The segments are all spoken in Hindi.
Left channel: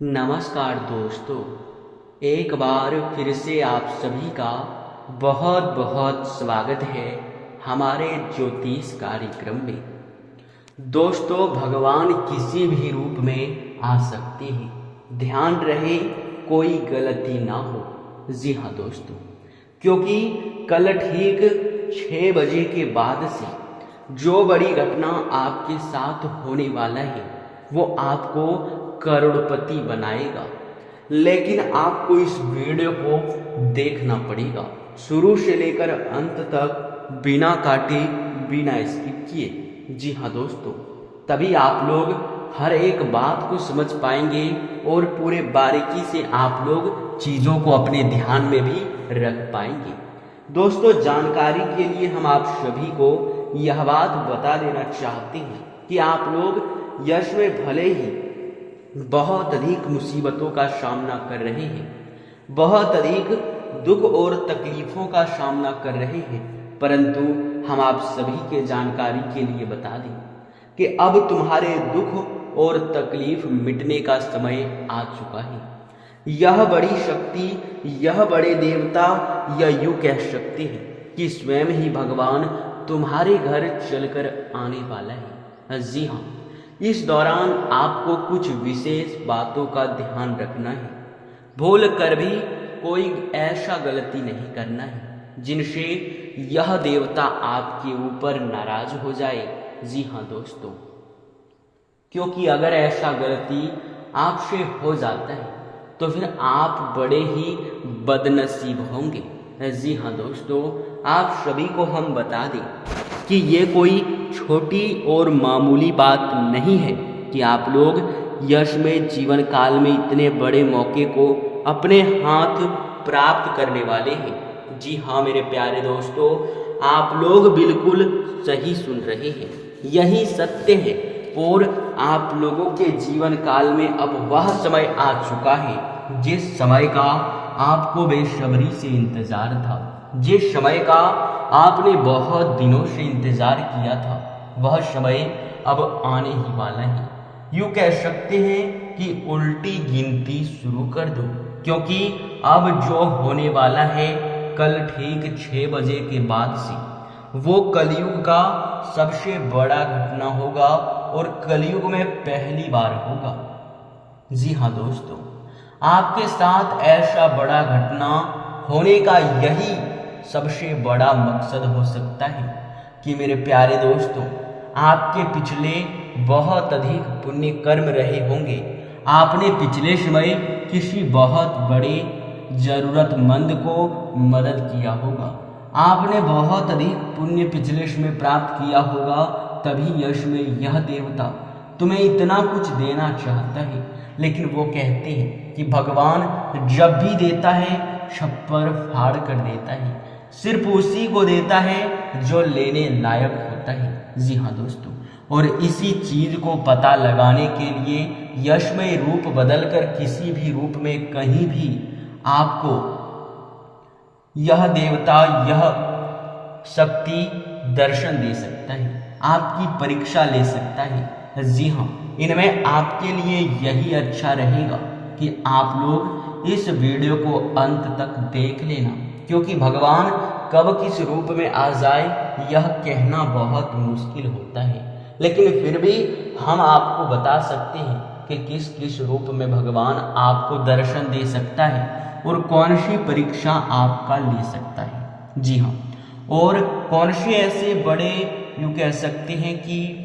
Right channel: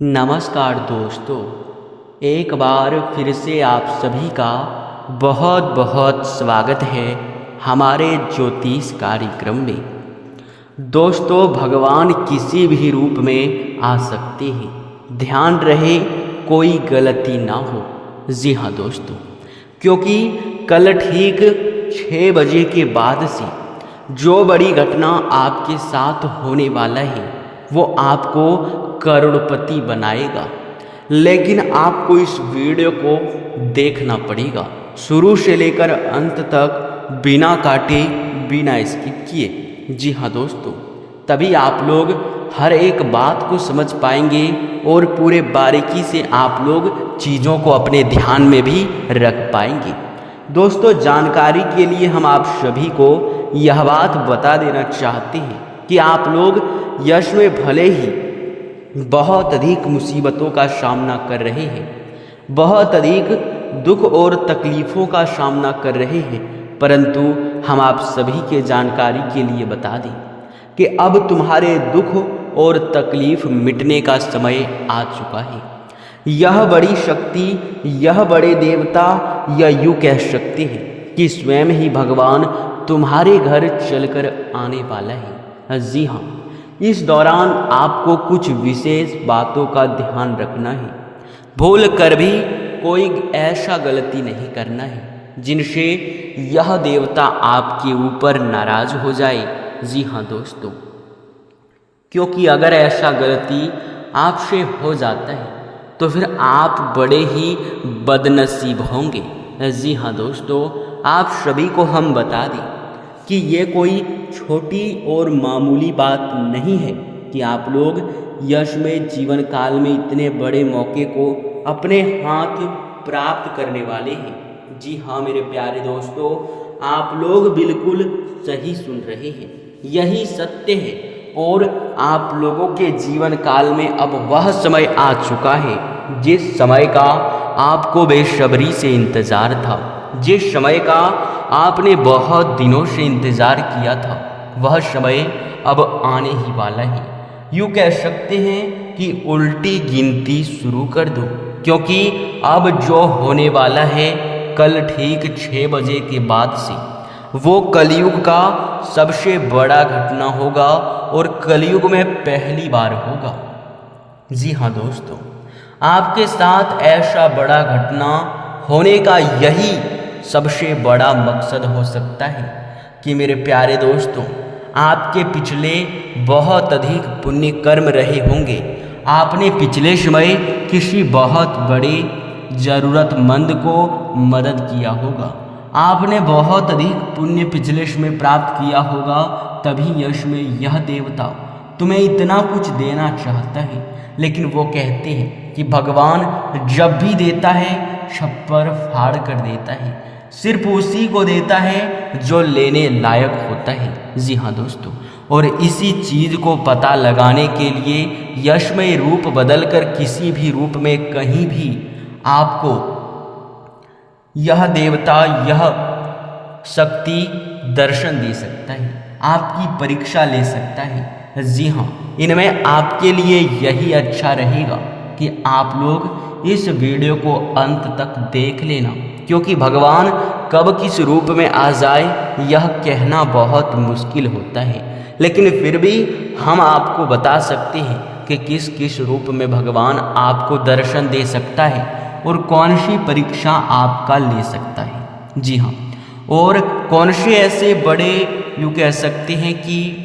नमस्कार दोस्तों, एक बार फिर से आप सभी का बहुत बहुत स्वागत है हमारे ज्योतिष कार्यक्रम में। दोस्तों, भगवान किसी भी रूप में आ सकते हैं, ध्यान रहे कोई गलती ना हो। जी हाँ दोस्तों, क्योंकि कल ठीक 6 बजे के बाद से जो बड़ी घटना आपके साथ होने वाला है वो आपको करोड़पति बनाएगा। लेकिन आपको इस वीडियो को देखना पड़ेगा शुरू से लेकर अंत तक, बिना काटे बिना स्किप किए। जी हाँ दोस्तों, तभी आप लोग हर एक बात को समझ पाएंगे और पूरे बारीकी से आप लोग चीज़ों को अपने ध्यान में भी रख पाएंगे। दोस्तों, जानकारी के लिए हम आप सभी को यह बात बता देना चाहते हैं कि आप लोग यश में भले ही बहुत अधिक मुसीबतों का सामना कर रहे हैं, बहुत अधिक दुख और तकलीफ़ों का सामना कर रहे हैं, परंतु हम आप सभी के जानकारी के लिए बता दें कि अब तुम्हारे दुख और तकलीफ़ मिटने का समय आ चुका है। यह बड़ी शक्ति, यह बड़े देवता, या यूँ कह सकते हैं कि स्वयं ही भगवान तुम्हारे घर चलकर आने वाला है। जी हाँ, इस दौरान आपको कुछ विशेष बातों का ध्यान रखना है। भूल कर भी कोई ऐसा गलती नहीं करना है जिनसे यह देवता आपके ऊपर नाराज हो जाए। जी हाँ दोस्तों, क्योंकि अगर ऐसा गलती आपसे हो जाता है तो फिर आप बड़े ही बदनसीब होंगे। जी हाँ दोस्तों, आप सभी को हम बता दें कि ये कोई छोटी और मामूली बात नहीं है कि आप लोग यश में जीवन काल में इतने बड़े मौके को अपने हाथ प्राप्त करने वाले हैं। जी हाँ मेरे प्यारे दोस्तों, आप लोग बिल्कुल सही सुन रहे हैं, यही सत्य है। और आप लोगों के जीवन काल में अब वह समय आ चुका है जिस समय का आपको बेसब्री से इंतज़ार था, जिस समय का आपने बहुत दिनों से इंतज़ार किया था, वह समय अब आने ही वाला है। यूँ कह सकते हैं कि उल्टी गिनती शुरू कर दो, क्योंकि अब जो होने वाला है कल ठीक 6 बजे के बाद से वो कलयुग का सबसे बड़ा घटना होगा और कलयुग में पहली बार होगा। जी हाँ दोस्तों, आपके साथ ऐसा बड़ा घटना होने का यही सबसे बड़ा मकसद हो सकता है कि मेरे प्यारे दोस्तों, आपके पिछले बहुत अधिक पुण्य कर्म रहे होंगे। आपने पिछले समय किसी बहुत बड़े ज़रूरतमंद को मदद किया होगा, आपने बहुत अधिक पुण्य पिछले समय प्राप्त किया होगा, तभी यश में यह देवता तुम्हें इतना कुछ देना चाहता है। लेकिन वो कहते हैं कि भगवान जब भी देता है छप्पर फाड़ कर देता है, सिर्फ उसी को देता है जो लेने लायक होता है। जी हाँ दोस्तों, और इसी चीज़ को पता लगाने के लिए यशमय रूप बदलकर किसी भी रूप में कहीं भी आपको यह देवता, यह शक्ति दर्शन दे सकता है, आपकी परीक्षा ले सकता है। जी हाँ, इनमें आपके लिए यही अच्छा रहेगा कि आप लोग इस वीडियो को अंत तक देख लेना, क्योंकि भगवान कब किस रूप में आ जाए यह कहना बहुत मुश्किल होता है। लेकिन फिर भी हम आपको बता सकते हैं कि किस किस रूप में भगवान आपको दर्शन दे सकता है और कौन सी परीक्षा आपका ले सकता है। जी हाँ, और कौन से ऐसे बड़े यूँ कह सकते हैं कि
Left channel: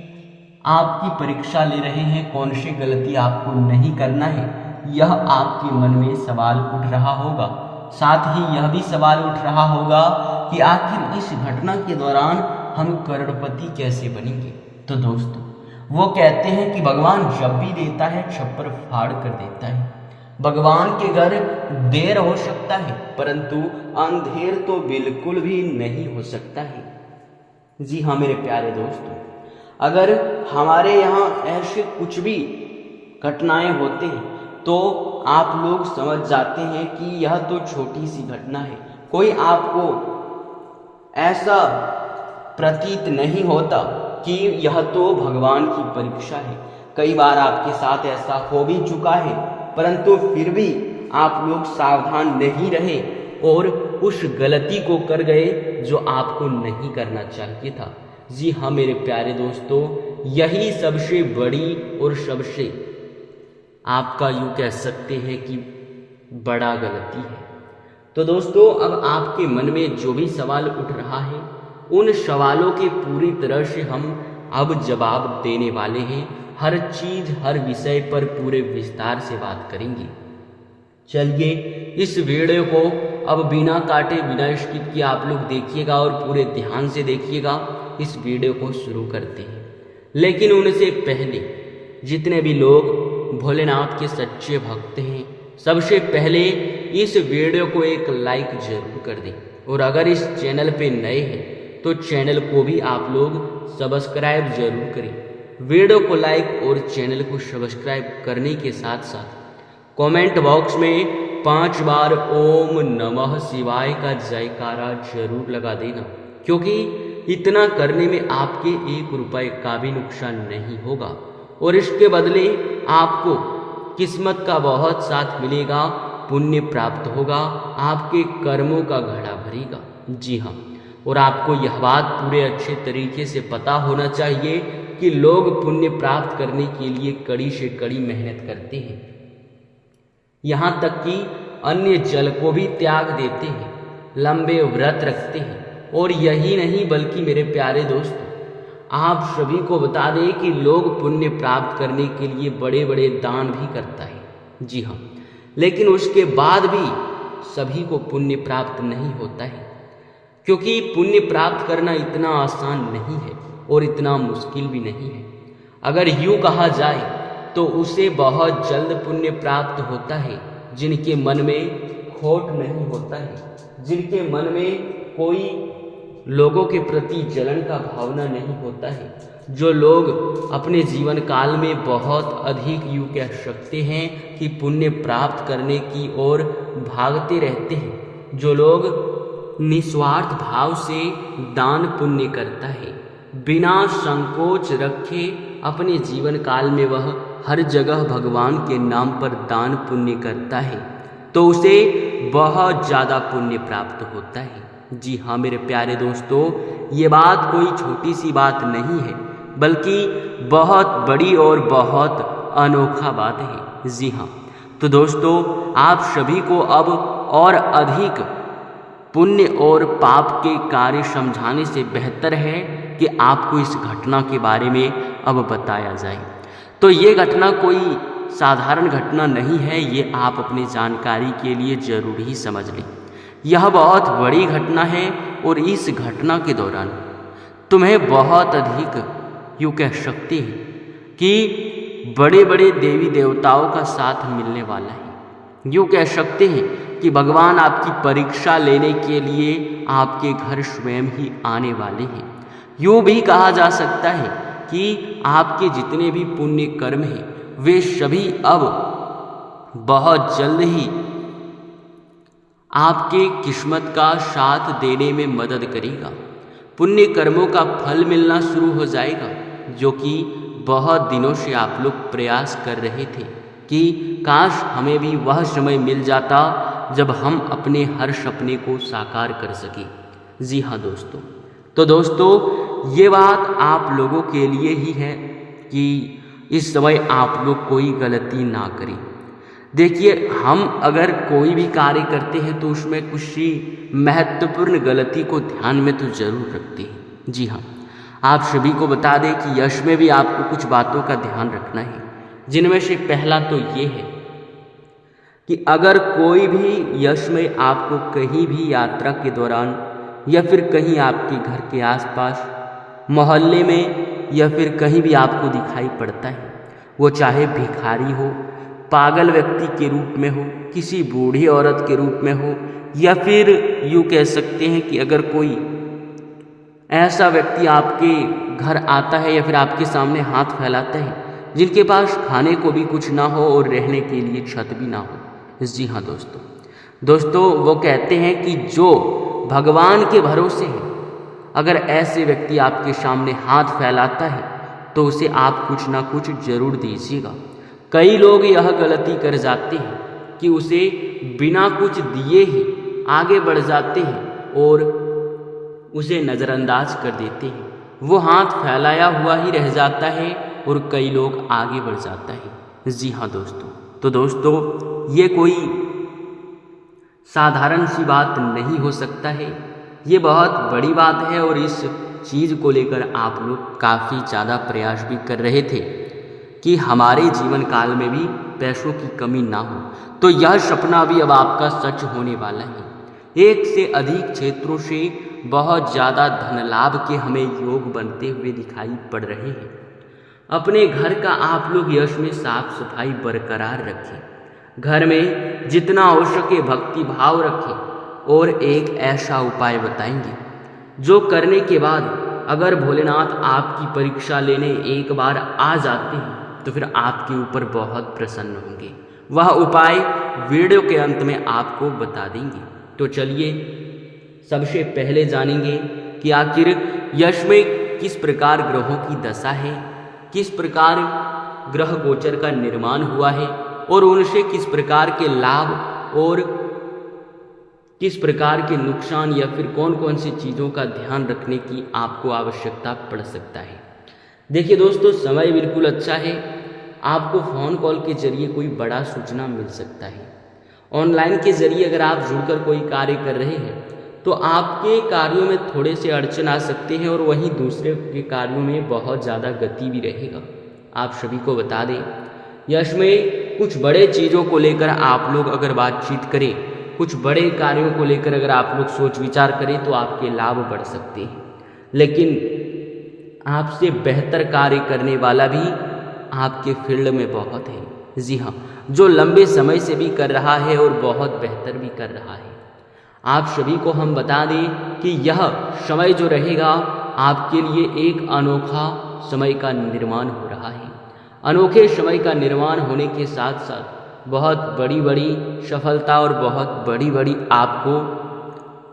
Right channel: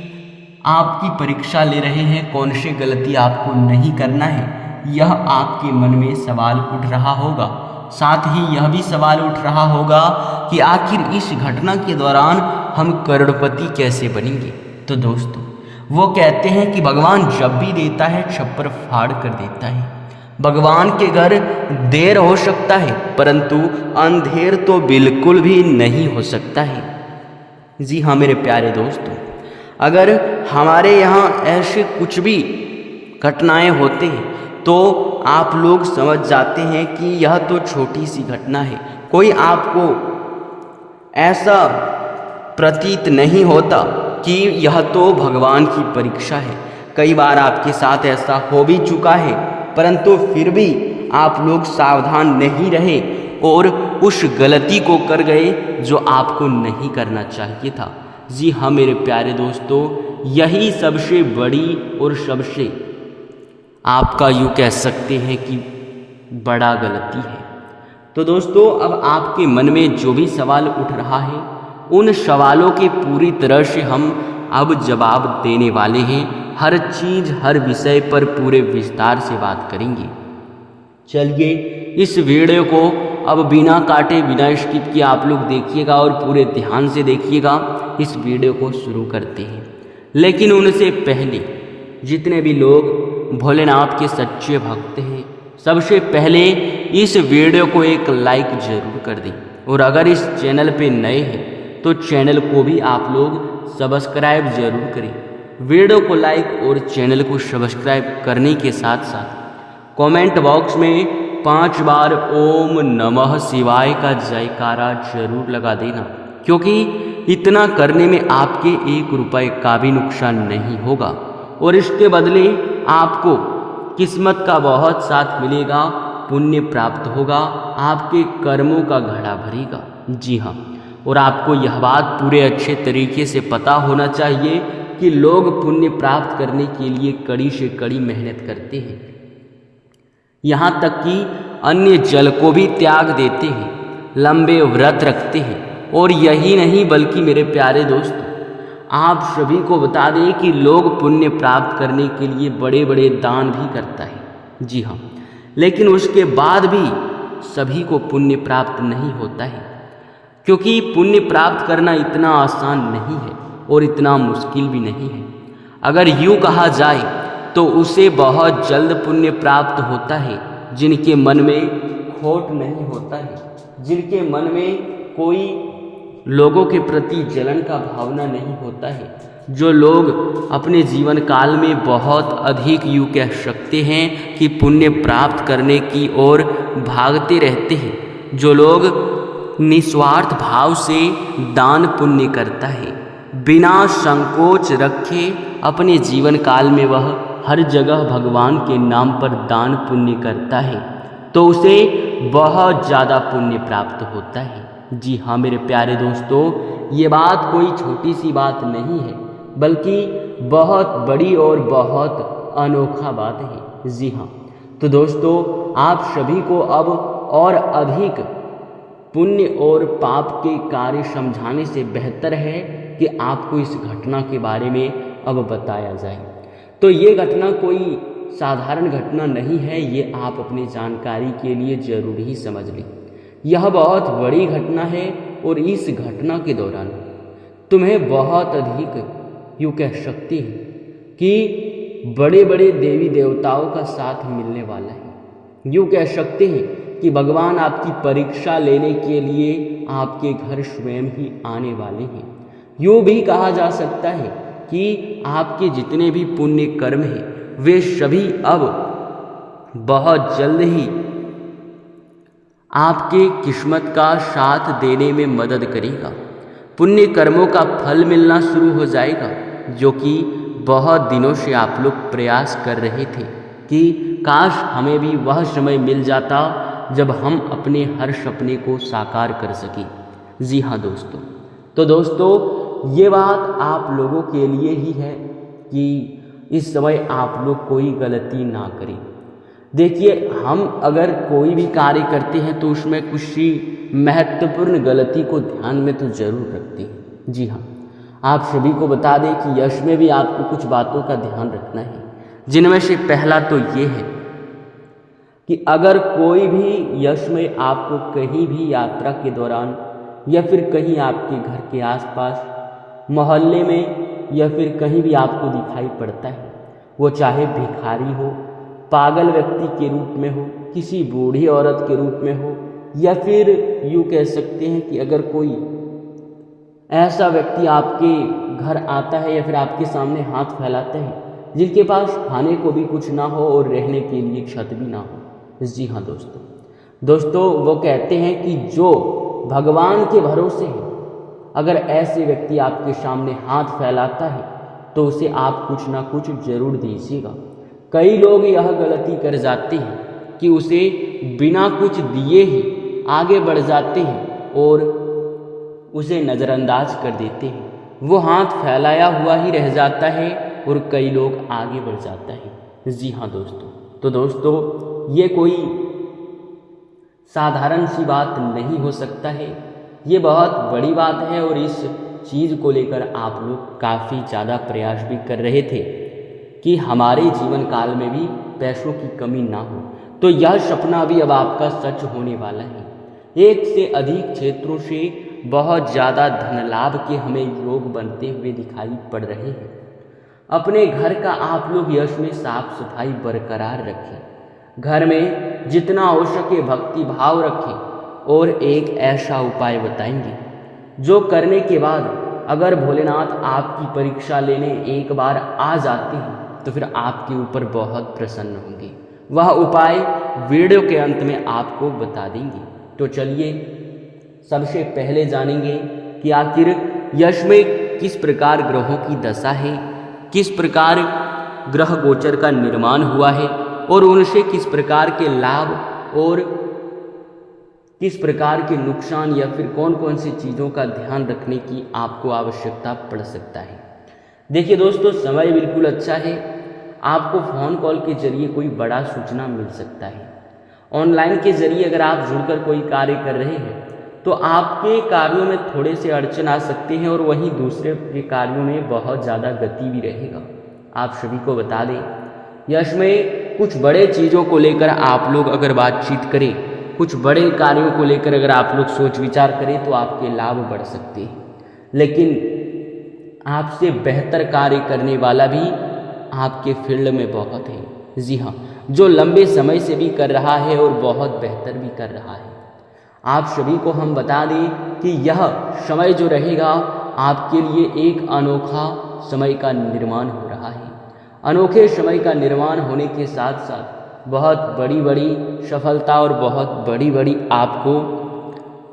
आपकी परीक्षा ले रहे हैं, कौन सी गलती आपको नहीं करना है, यह आपके मन में सवाल उठ रहा होगा। साथ ही यह भी सवाल उठ रहा होगा कि आखिर इस घटना के दौरान हम करोड़पति कैसे बनेंगे। तो दोस्तों, वो कहते हैं कि भगवान जब भी देता है छप्पर फाड़ कर देता है। भगवान के घर देर हो सकता है, परंतु अंधेर तो बिल्कुल भी नहीं हो सकता है। जी हाँ मेरे प्यारे दोस्तों, अगर हमारे यहाँ ऐसे कुछ भी घटनाएं होते हैं तो आप लोग समझ जाते हैं कि यह तो छोटी सी घटना है, कोई आपको ऐसा प्रतीत नहीं होता कि यह तो भगवान की परीक्षा है। कई बार आपके साथ ऐसा हो भी चुका है परंतु फिर भी आप लोग सावधान नहीं रहे और उस गलती को कर गए जो आपको नहीं करना चाहिए था। जी हाँ मेरे प्यारे दोस्तों, यही सबसे बड़ी और सबसे आपका यूँ कह सकते हैं कि बड़ा गलती है। तो दोस्तों, अब आपके मन में जो भी सवाल उठ रहा है उन सवालों के पूरी तरह से हम अब जवाब देने वाले हैं। हर चीज़ हर विषय पर पूरे विस्तार से बात करेंगे। चलिए इस वीडियो को अब बिना काटे बिना स्किप किए आप लोग देखिएगा और पूरे ध्यान से देखिएगा। इस वीडियो को शुरू करते हैं, लेकिन उनसे पहले जितने भी लोग भोलेनाथ के सच्चे भक्त हैं, सबसे पहले इस वीडियो को एक लाइक जरूर कर दें और अगर इस चैनल पे नए हैं तो चैनल को भी आप लोग सब्सक्राइब जरूर करें। वीडियो को लाइक और चैनल को सब्सक्राइब करने के साथ साथ कमेंट बॉक्स में 5 बार ओम नमः शिवाय का जयकारा जरूर लगा देना, क्योंकि इतना करने में आपके 1 रुपए का भी नुकसान नहीं होगा और इसके बदले आपको किस्मत का बहुत साथ मिलेगा, पुण्य प्राप्त होगा, आपके कर्मों का घड़ा भरेगा। जी हाँ, और आपको यह बात पूरे अच्छे तरीके से पता होना चाहिए कि लोग पुण्य प्राप्त करने के लिए कड़ी से कड़ी मेहनत करते हैं, यहाँ तक कि अन्य जल को भी त्याग देते हैं, लंबे व्रत रखते हैं। और यही नहीं बल्कि मेरे प्यारे दोस्तों, आप सभी को बता दें कि लोग पुण्य प्राप्त करने के लिए बड़े बड़े दान भी करता है। जी हाँ, लेकिन उसके बाद भी सभी को पुण्य प्राप्त नहीं होता है, क्योंकि पुण्य प्राप्त करना इतना आसान नहीं है और इतना मुश्किल भी नहीं है। अगर यूँ कहा जाए तो उसे बहुत जल्द पुण्य प्राप्त होता है जिनके मन में खोट नहीं होता है, जिनके मन में कोई लोगों के प्रति जलन का भावना नहीं होता है, जो लोग अपने जीवन काल में बहुत अधिक यूँ कह सकते हैं कि पुण्य प्राप्त करने की ओर भागते रहते हैं, जो लोग निस्वार्थ भाव से दान पुण्य करता है, बिना संकोच रखे अपने जीवन काल में वह हर जगह भगवान के नाम पर दान पुण्य करता है, तो उसे बहुत ज़्यादा पुण्य प्राप्त होता है। जी हाँ मेरे प्यारे दोस्तों, ये बात कोई छोटी सी बात नहीं है, बल्कि बहुत बड़ी और बहुत अनोखा बात है। जी हाँ, तो दोस्तों, आप सभी को अब और अधिक पुण्य और पाप के कार्य समझाने से बेहतर है कि आपको इस घटना के बारे में अब बताया जाए। तो ये घटना कोई साधारण घटना नहीं है, ये आप अपनी जानकारी के लिए जरूर ही समझ लें। यह बहुत बड़ी घटना है और इस घटना के दौरान तुम्हें बहुत अधिक यूँ कह सकते हैं कि बड़े बड़े देवी देवताओं का साथ मिलने वाला है। यूँ कह सकते हैं कि भगवान आपकी परीक्षा लेने के लिए आपके घर स्वयं ही आने वाले हैं। यूँ भी कहा जा सकता है कि आपके जितने भी पुण्य कर्म हैं वे सभी अब बहुत जल्द ही आपके किस्मत का साथ देने में मदद करेगा। पुण्य कर्मों का फल मिलना शुरू हो जाएगा, जो कि बहुत दिनों से आप लोग प्रयास कर रहे थे कि काश हमें भी वह समय मिल जाता जब हम अपने हर सपने को साकार कर सकें। जी हाँ दोस्तों, तो दोस्तों ये बात आप लोगों के लिए ही है कि इस समय आप लोग कोई गलती ना करें। देखिए, हम अगर कोई भी कार्य करते हैं तो उसमें कुछ सी महत्वपूर्ण गलती को ध्यान में तो ज़रूर रखते हैं। जी हाँ, आप सभी को बता दें कि यश में भी आपको कुछ बातों का ध्यान रखना है, जिनमें से पहला तो ये है कि अगर कोई भी यश में आपको कहीं भी यात्रा के दौरान या फिर कहीं आपके घर के आसपास मोहल्ले में या फिर कहीं भी आपको दिखाई पड़ता है, वो चाहे भिखारी हो, पागल व्यक्ति के रूप में हो, किसी बूढ़ी औरत के रूप में हो, या फिर यूँ कह सकते हैं कि अगर कोई ऐसा व्यक्ति आपके घर आता है या फिर आपके सामने हाथ फैलाता है जिनके पास खाने को भी कुछ ना हो और रहने के लिए छत भी ना हो। जी हाँ दोस्तों, वो कहते हैं कि जो भगवान के भरोसे है, अगर ऐसे व्यक्ति आपके सामने हाथ फैलाता है तो उसे आप कुछ ना कुछ जरूर दीजिएगा, कई लोग यह गलती कर जाते हैं कि उसे बिना कुछ दिए ही आगे बढ़ जाते हैं और उसे नज़रअंदाज कर देते हैं। वो हाथ फैलाया हुआ ही रह जाता है और कई लोग आगे बढ़ जाता है। जी हाँ दोस्तों, तो दोस्तों ये कोई साधारण सी बात नहीं हो सकता है, ये बहुत बड़ी बात है और इस चीज़ को लेकर आप लोग काफ़ी ज़्यादा प्रयास भी कर रहे थे कि हमारे जीवन काल में भी पैसों की कमी ना हो। तो यह सपना भी अब आपका सच होने वाला है। एक से अधिक क्षेत्रों से बहुत ज़्यादा धन लाभ के हमें योग बनते हुए दिखाई पड़ रहे हैं। अपने घर का आप लोग यश में साफ सफाई बरकरार रखें, घर में जितना हो सके भक्ति भाव रखें और एक ऐसा उपाय बताएंगे जो करने के बाद अगर भोलेनाथ आपकी परीक्षा लेने एक बार आ जाते हैं तो फिर आपके ऊपर बहुत प्रसन्न होंगे। वह उपाय वीडियो के अंत में आपको बता देंगे। तो चलिए सबसे पहले जानेंगे कि आखिर यश में किस प्रकार ग्रहों की दशा है, किस प्रकार ग्रह गोचर का निर्माण हुआ है और उनसे किस प्रकार के लाभ और किस प्रकार के नुकसान या फिर कौन कौन सी चीज़ों का ध्यान रखने की आपको आवश्यकता पड़ सकता है। देखिए दोस्तों, समय बिल्कुल अच्छा है, आपको फ़ोन कॉल के जरिए कोई बड़ा सूचना मिल सकता है। ऑनलाइन के जरिए अगर आप जुड़कर कोई कार्य कर रहे हैं तो आपके कार्यों में थोड़े से अड़चन आ सकते हैं और वहीं दूसरे के कार्यों में बहुत ज़्यादा गति भी रहेगा। आप सभी को बता दें, यश में कुछ बड़े चीज़ों को लेकर आप लोग अगर बातचीत करें, कुछ बड़े कार्यों को लेकर अगर आप लोग सोच विचार करें तो आपके लाभ बढ़ सकते हैं। लेकिन आपसे बेहतर कार्य करने वाला भी आपके फील्ड में बहुत है। जी हाँ, जो लंबे समय से भी कर रहा है और बहुत बेहतर भी कर रहा है। आप सभी को हम बता दें कि यह समय जो रहेगा आपके लिए एक अनोखा समय का निर्माण हो रहा है। अनोखे समय का निर्माण होने के साथ साथ बहुत बड़ी बड़ी सफलता और बहुत बड़ी बड़ी आपको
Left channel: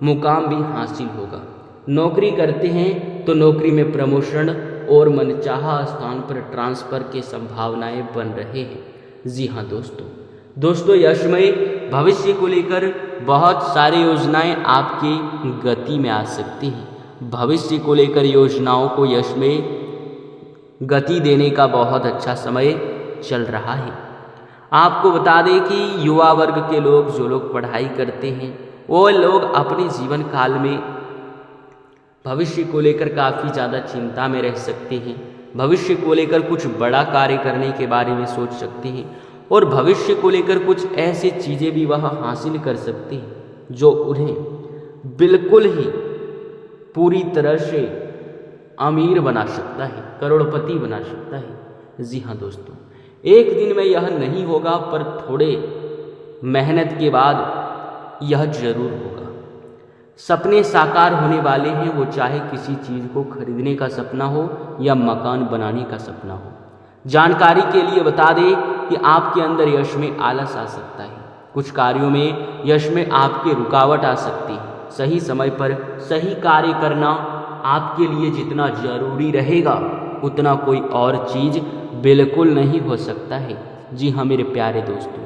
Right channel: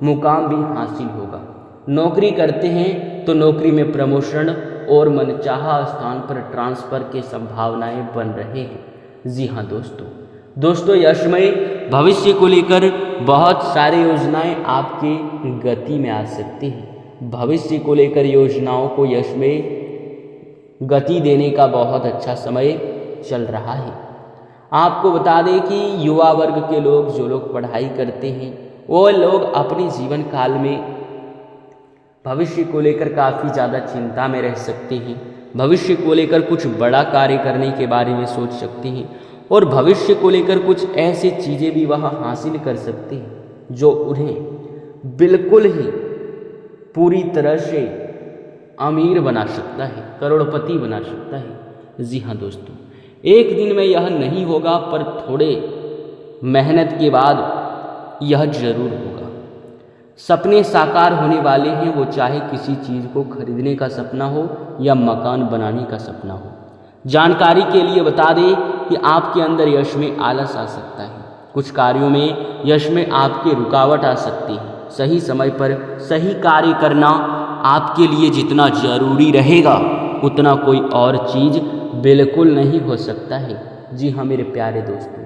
मुकाम भी हासिल होगा। नौकरी करते हैं तो नौकरी में प्रमोशन और मनचाहा स्थान पर ट्रांसफ़र की संभावनाएं बन रहे हैं। जी हाँ दोस्तों, यशमय भविष्य को लेकर बहुत सारे योजनाएं आपकी गति में आ सकती हैं। भविष्य को लेकर योजनाओं को यश में गति देने का बहुत अच्छा समय चल रहा है। आपको बता दें कि युवा वर्ग के लोग, जो लोग पढ़ाई करते हैं, वो लोग अपने जीवन काल में भविष्य को लेकर काफ़ी ज़्यादा चिंता में रह सकते हैं। भविष्य को लेकर कुछ बड़ा कार्य करने के बारे में सोच सकते हैं और भविष्य को लेकर कुछ ऐसी चीज़ें भी वह हासिल कर सकते हैं जो उन्हें बिल्कुल ही पूरी तरह से अमीर बना सकता है, करोड़पति बना सकता है। जी हाँ दोस्तों, एक दिन में यह नहीं होगा पर थोड़े मेहनत के बाद यह जरूर होगा। सपने साकार होने वाले हैं, वो चाहे किसी चीज़ को खरीदने का सपना हो या मकान बनाने का सपना हो। जानकारी के लिए बता दें कि आपके अंदर यश में आलस आ सकता है, कुछ कार्यों में यश में आपके रुकावट आ सकती है। सही समय पर सही कार्य करना आपके लिए जितना जरूरी रहेगा उतना कोई और चीज़ बिल्कुल नहीं हो सकता है। जी हाँ मेरे प्यारे दोस्तों,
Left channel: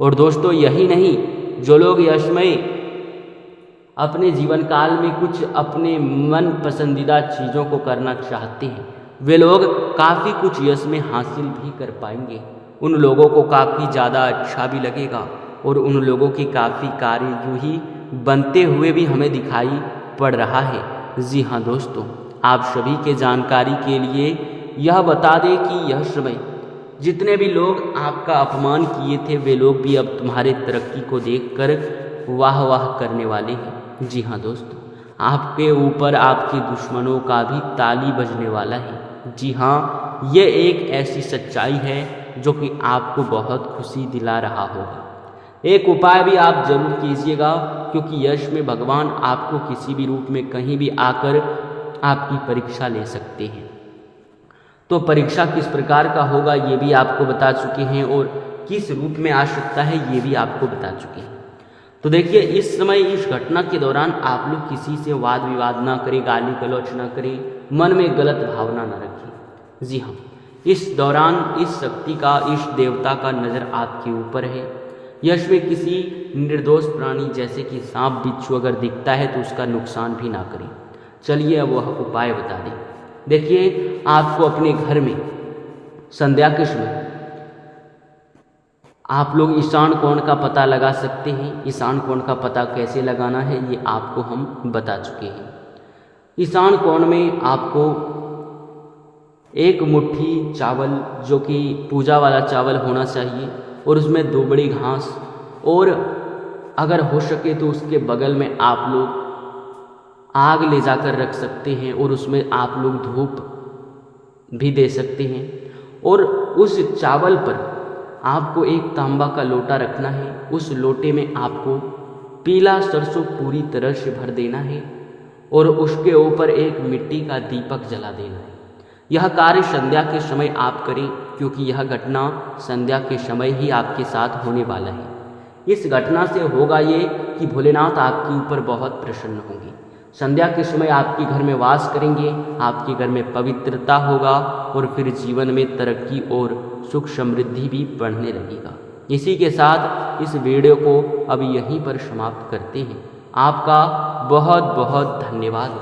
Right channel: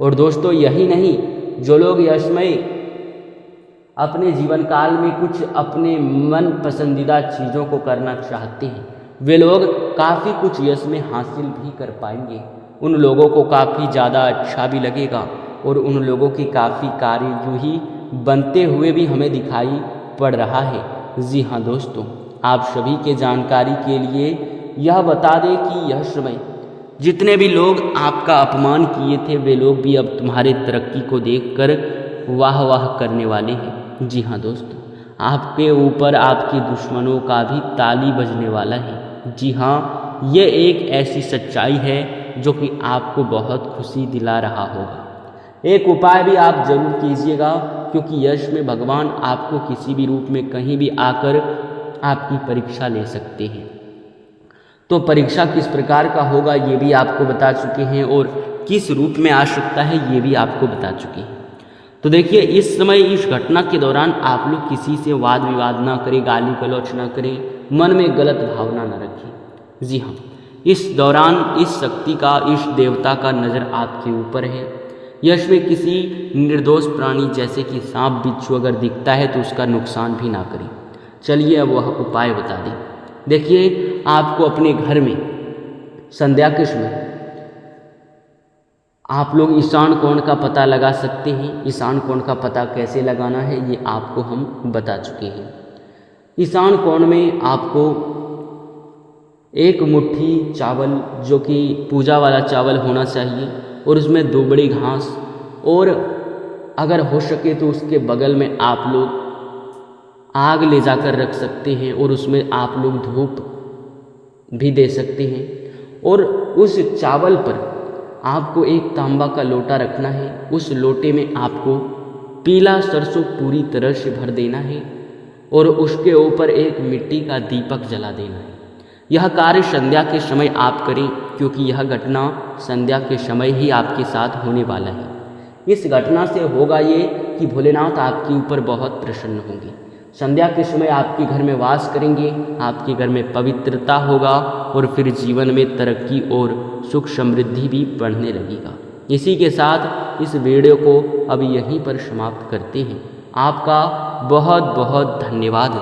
और दोस्तों यही नहीं, जो लोग यशमय अपने जीवन काल में कुछ अपने मन पसंदीदा चीज़ों को करना चाहते हैं, वे लोग काफ़ी कुछ यश में हासिल भी कर पाएंगे। उन लोगों को काफ़ी ज़्यादा अच्छा भी लगेगा और उन लोगों के काफ़ी कार्य जो ही बनते हुए भी हमें दिखाई पड़ रहा है। जी हाँ दोस्तों, आप सभी के जानकारी के लिए यह बता दें कि यह समय जितने भी लोग आपका अपमान किए थे, वे लोग भी अब तुम्हारे तरक्की को देखकर वाह वाह करने वाले हैं। जी हाँ दोस्तों, आपके ऊपर आपके दुश्मनों का भी ताली बजने वाला है। जी हाँ, ये एक ऐसी सच्चाई है जो कि आपको बहुत खुशी दिला रहा होगा। एक उपाय भी आप जरूर कीजिएगा, क्योंकि यश में भगवान आपको किसी भी रूप में कहीं भी आकर आपकी परीक्षा ले सकते हैं। तो परीक्षा किस प्रकार का होगा ये भी आपको बता चुके हैं और किस रूप में आ सकता है ये भी आपको बता चुके हैं। तो देखिए, इस समय इस घटना के दौरान आप लोग किसी से वाद विवाद ना करें, गाली गलौच ना करें, मन में गलत भावना ना रखें। जी हाँ, इस दौरान इस शक्ति का, इस देवता का नज़र आपके ऊपर है। यश में किसी निर्दोष प्राणी जैसे कि सांप बिच्छू अगर दिखता है तो उसका नुकसान भी ना करें। चलिए अब वह उपाय बता दें। देखिए, आपको अपने घर में संध्या के समय आप लोग ईशान कोण का पता लगा सकते हैं। ईशान कोण का पता कैसे लगाना है ये आपको हम बता चुके हैं। ईशान कोण में आपको एक मुट्ठी चावल, जो कि पूजा वाला चावल होना चाहिए, और उसमें 2 बड़ी घास, और अगर हो सके तो उसके बगल में आप लोग आग ले जाकर रख सकते हैं और उसमें आप लोग धूप भी दे सकते हैं। और उस चावल पर आपको एक तांबा का लोटा रखना है। उस लोटे में आपको पीला सरसों पूरी तरह से भर देना है और उसके ऊपर एक मिट्टी का दीपक जला देना है। यह कार्य संध्या के समय आप करें, क्योंकि यह घटना संध्या के समय ही आपके साथ होने वाला है। इस घटना से होगा ये कि भोलेनाथ आपके ऊपर बहुत प्रसन्न होंगे। संध्या के समय आपके घर में वास करेंगे, आपके घर में पवित्रता होगा और फिर जीवन में तरक्की और सुख समृद्धि भी बढ़ने लगेगा। इसी के साथ इस वीडियो को अब यहीं पर समाप्त करते हैं। आपका बहुत बहुत धन्यवाद।